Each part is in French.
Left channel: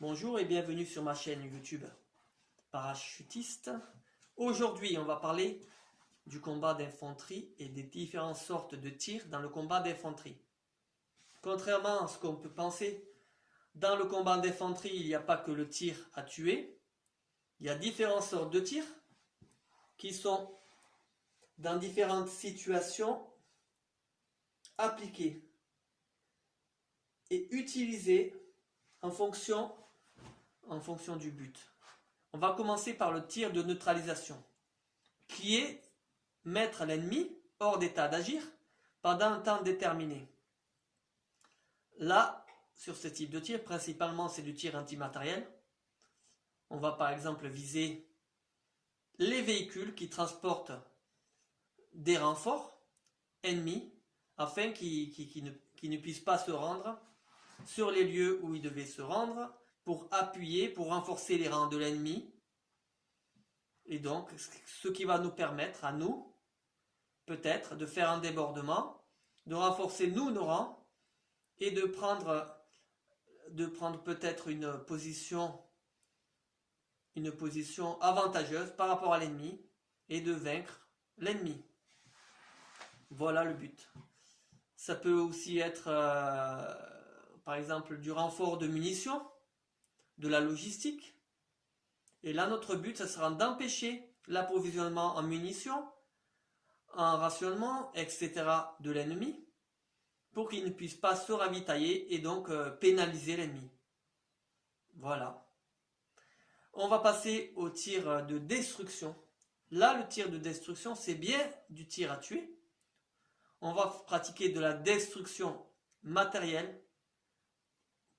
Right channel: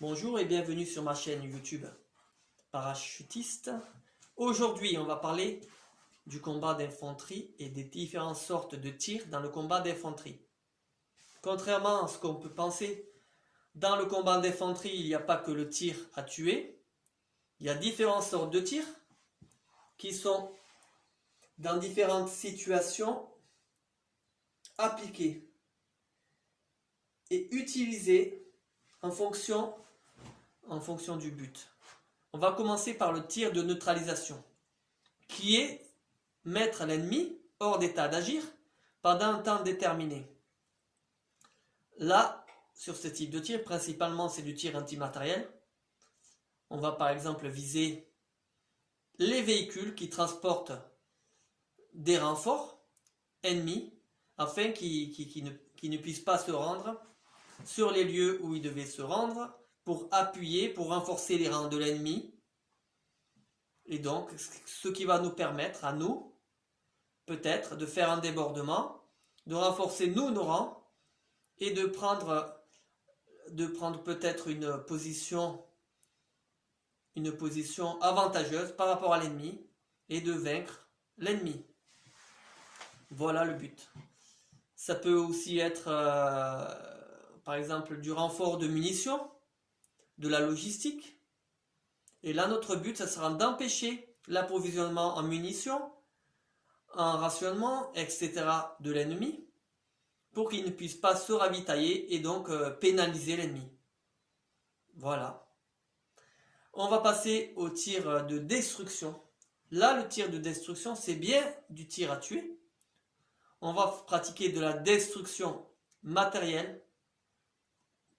Bonjour et bienvenue sur ma chaîne YouTube Parachutiste. Aujourd'hui, on va parler du combat d'infanterie et des différentes sortes de tirs dans le combat d'infanterie. Contrairement à ce qu'on peut penser, dans le combat d'infanterie, il n'y a pas que le tir à tuer. Il y a différentes sortes de tirs qui sont dans différentes situations appliqués et utilisés en fonction du but. On va commencer par le tir de neutralisation, qui est mettre l'ennemi hors d'état d'agir pendant un temps déterminé. Là, sur ce type de tir, principalement c'est du tir antimatériel. On va par exemple viser les véhicules qui transportent des renforts ennemis afin qu'ils ne puissent pas se rendre sur les lieux où ils devaient se rendre pour appuyer, pour renforcer les rangs de l'ennemi. Et donc, ce qui va nous permettre à nous, peut-être, de faire un débordement, de renforcer nos rangs et de prendre peut-être une position avantageuse par rapport à l'ennemi et de vaincre l'ennemi. Voilà le but. Ça peut aussi être, par exemple, du renfort de munitions, de la logistique. Et là, notre but, ça sera d'empêcher l'approvisionnement en munitions, en rationnement, etc. de l'ennemi, pour qu'il ne puisse pas se ravitailler et donc pénaliser l'ennemi. Voilà. On va passer au tir de destruction. Là, le tir de destruction, c'est bien du tir à tuer. On va pratiquer de la destruction matérielle,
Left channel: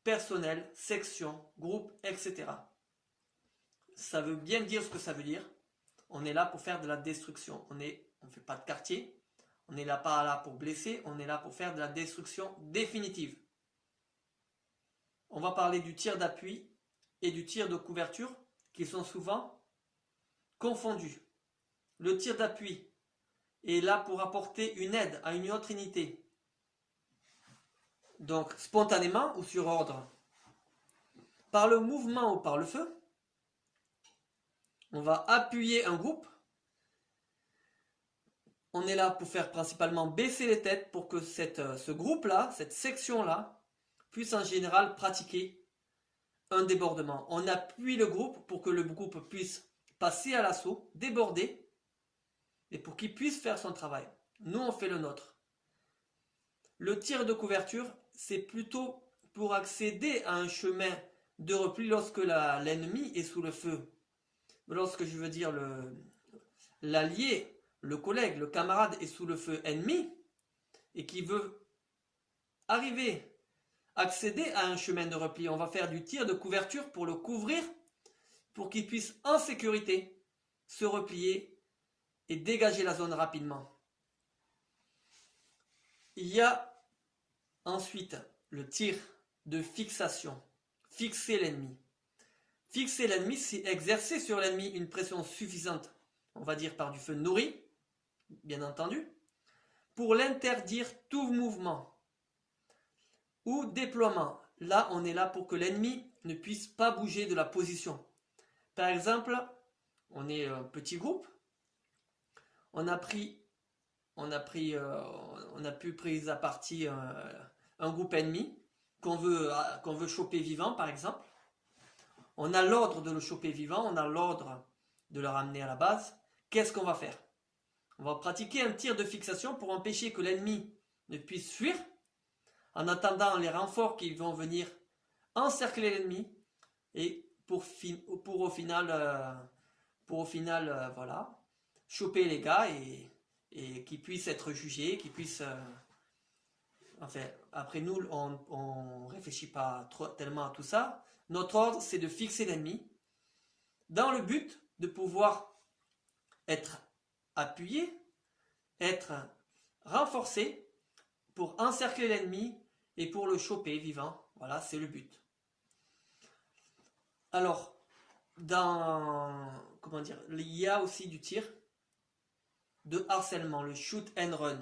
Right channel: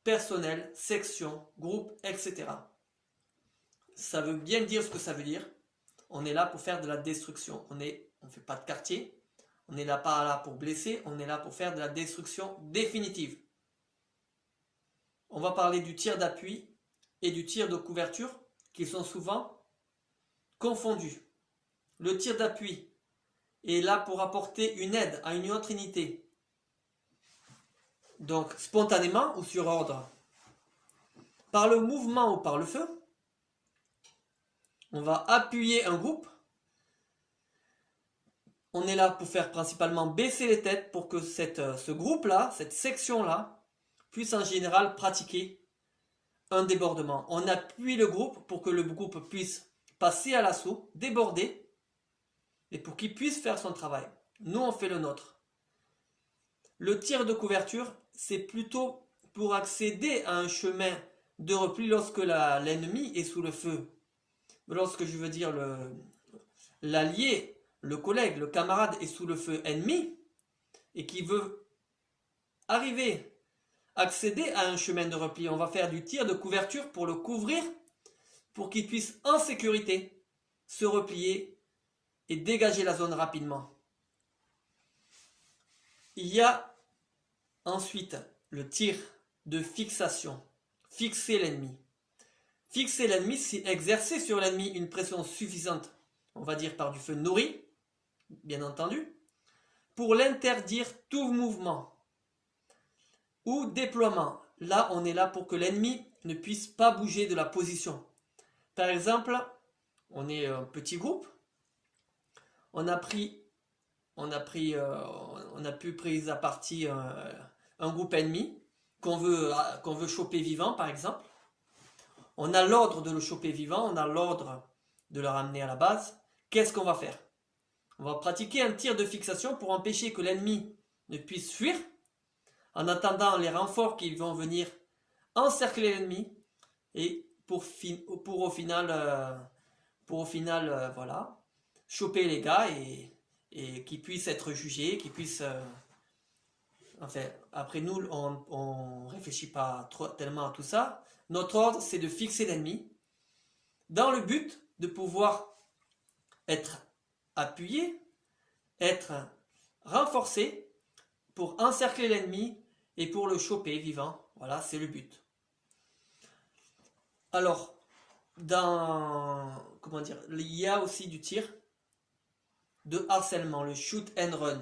personnelle, section, groupe, etc. Ça veut bien dire ce que ça veut dire. On est là pour faire de la destruction. On ne fait pas de quartier. On n'est pas là pour blesser. On est là pour faire de la destruction définitive. On va parler du tir d'appui et du tir de couverture qui sont souvent confondus. Le tir d'appui est là pour apporter une aide à une autre unité. Donc spontanément ou sur ordre. Par le mouvement ou par le feu, on va appuyer un groupe. On est là pour faire principalement baisser les têtes pour que ce groupe-là, cette section-là, puisse en général pratiquer un débordement. On appuie le groupe pour que le groupe puisse passer à l'assaut, déborder, et pour qu'il puisse faire son travail. Nous, on fait le nôtre. Le tir de couverture, c'est plutôt pour accéder à un chemin de repli lorsque l'ennemi est sous le feu. Lorsque je veux dire l'allié, le collègue, le camarade est sous le feu ennemi et qui veut accéder à un chemin de repli, on va faire du tir de couverture pour le couvrir, pour qu'il puisse en sécurité se replier et dégager la zone rapidement. Il y a ensuite le tir de fixation, fixer l'ennemi. Fixer l'ennemi, c'est exercer sur l'ennemi une pression suffisante, on va dire par du feu nourri, bien entendu, pour l'interdire tout mouvement ou déploiement. Là, on est là pour que l'ennemi ne puisse pas bouger de la position. Par exemple, on est un petit groupe, on a pu prise à partie un groupe ennemi qu'on veut choper vivant, par exemple. On a l'ordre de le choper vivant, on a l'ordre de le ramener à la base. Qu'est-ce qu'on va faire? On va pratiquer un tir de fixation pour empêcher que l'ennemi ne puisse fuir, en attendant les renforts qui vont venir encercler l'ennemi et pour au final, voilà, choper les gars et qu'ils puissent être jugés, qu'ils puissent... enfin, après nous, on ne réfléchit pas tellement à tout ça. Notre ordre, c'est de fixer l'ennemi dans le but de pouvoir être appuyé, être renforcé pour encercler l'ennemi et pour le choper vivant. Voilà, c'est le but. Alors, il y a aussi du tir de harcèlement, le shoot and run.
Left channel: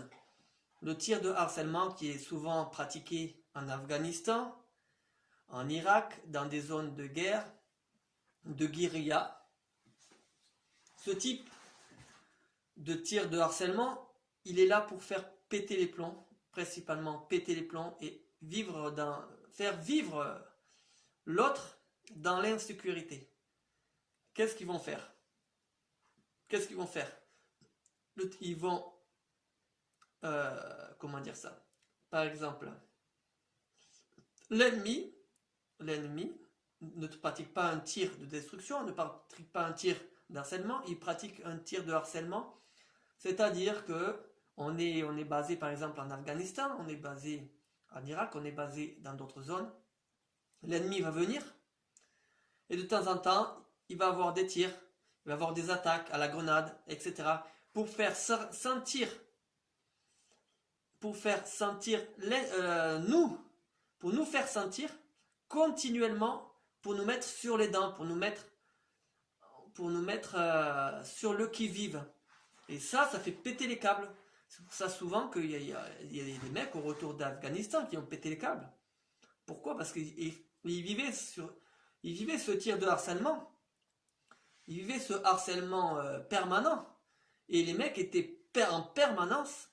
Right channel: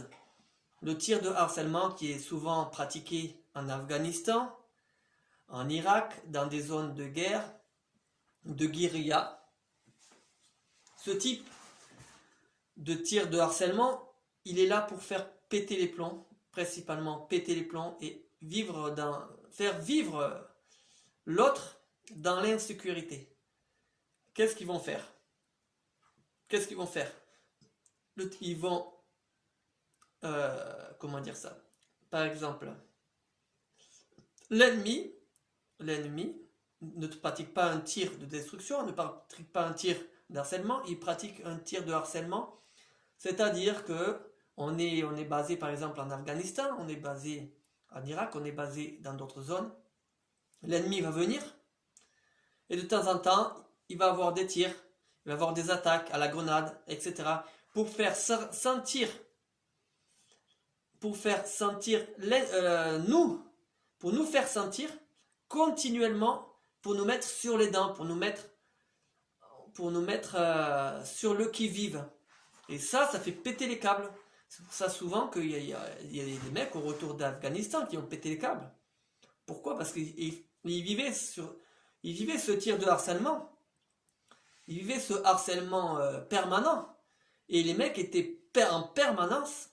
Le tir de harcèlement qui est souvent pratiqué en Afghanistan, en Irak, dans des zones de guerre, de guérilla. Ce type de tir de harcèlement, il est là pour faire péter les plombs, principalement péter les plombs et faire vivre l'autre dans l'insécurité. Qu'est-ce qu'ils vont faire? Ils vont, comment dire ça? Par exemple, l'ennemi ne pratique pas un tir de destruction, ne pratique pas un tir d'harcèlement, il pratique un tir de harcèlement, c'est-à-dire que on est basé par exemple en Afghanistan, on est basé en Irak, on est basé dans d'autres zones. L'ennemi va venir et de temps en temps, il va avoir des tirs, il va avoir des attaques à la grenade, etc. pour nous faire sentir continuellement, pour nous mettre sur les dents, pour nous mettre sur le qui-vive. Et ça fait péter les câbles. C'est pour ça souvent qu'il y a des mecs au retour d'Afghanistan qui ont pété les câbles. Pourquoi? Parce qu'ils vivaient ce tir de harcèlement. Ils vivaient ce harcèlement permanent. Et les mecs étaient en permanence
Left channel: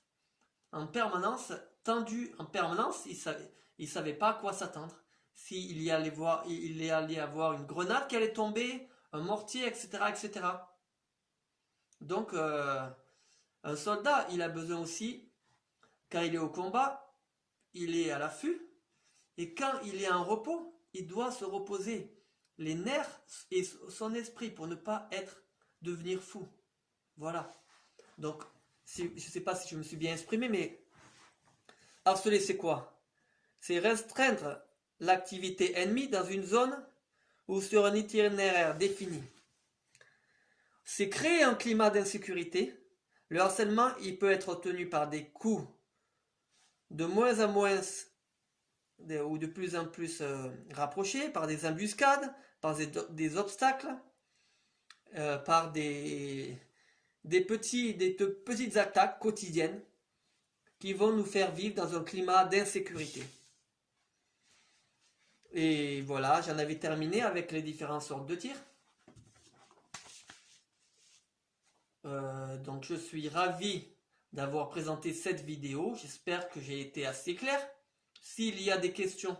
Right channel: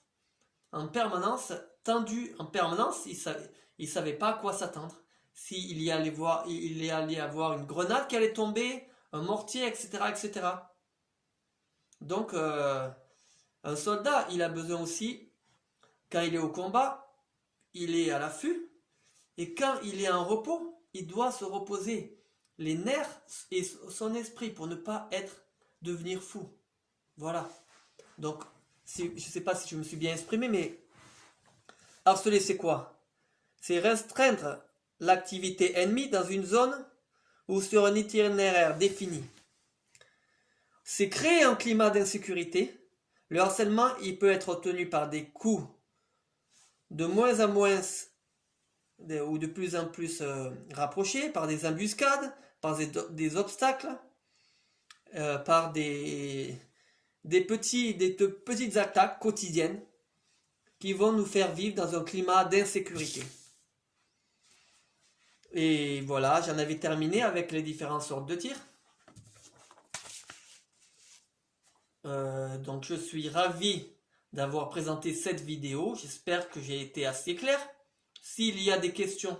tendus, en permanence. Ils savaient pas à quoi s'attendre. S'il y allait avoir une grenade qui allait tomber, un mortier, etc., etc. Donc, un soldat, il a besoin aussi, quand il est au combat, il est à l'affût, et quand il est en repos, il doit se reposer les nerfs et son esprit pour ne pas devenir fou. Voilà. Donc, je ne sais pas si je me suis bien exprimé, mais harceler, c'est quoi? C'est restreindre l'activité ennemie dans une zone ou sur un itinéraire défini. C'est créer un climat d'insécurité. Le harcèlement, il peut être obtenu par des coups de moins en moins ou de plus en plus rapprochés, par des embuscades, par des obstacles, par des petites attaques quotidiennes qui vont nous faire vivre dans un climat d'insécurité. Et voilà, j'en avais terminé avec les différentes sortes de tirs. Donc je suis ravi d'avoir présenté cette vidéo. J'espère que j'ai été assez clair. S'il y a des questions,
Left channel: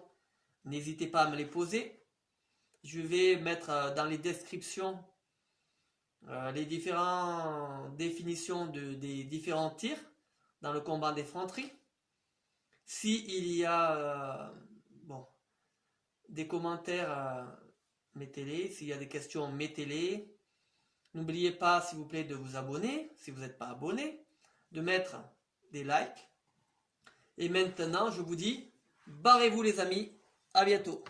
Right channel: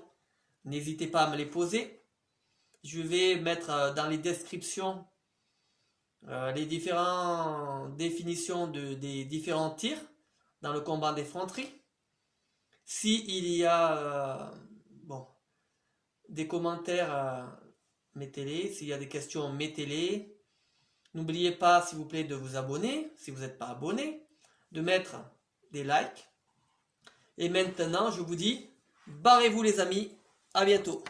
n'hésitez pas à me les poser. Je vais mettre dans les descriptions les différentes définitions des différents tirs dans le combat d'effronterie. S'il y a des commentaires, mettez-les. S'il y a des questions, mettez-les. N'oubliez pas, s'il vous plaît, de vous abonner, si vous n'êtes pas abonné, de mettre des likes. Et maintenant, je vous dis, barrez-vous les amis, à bientôt.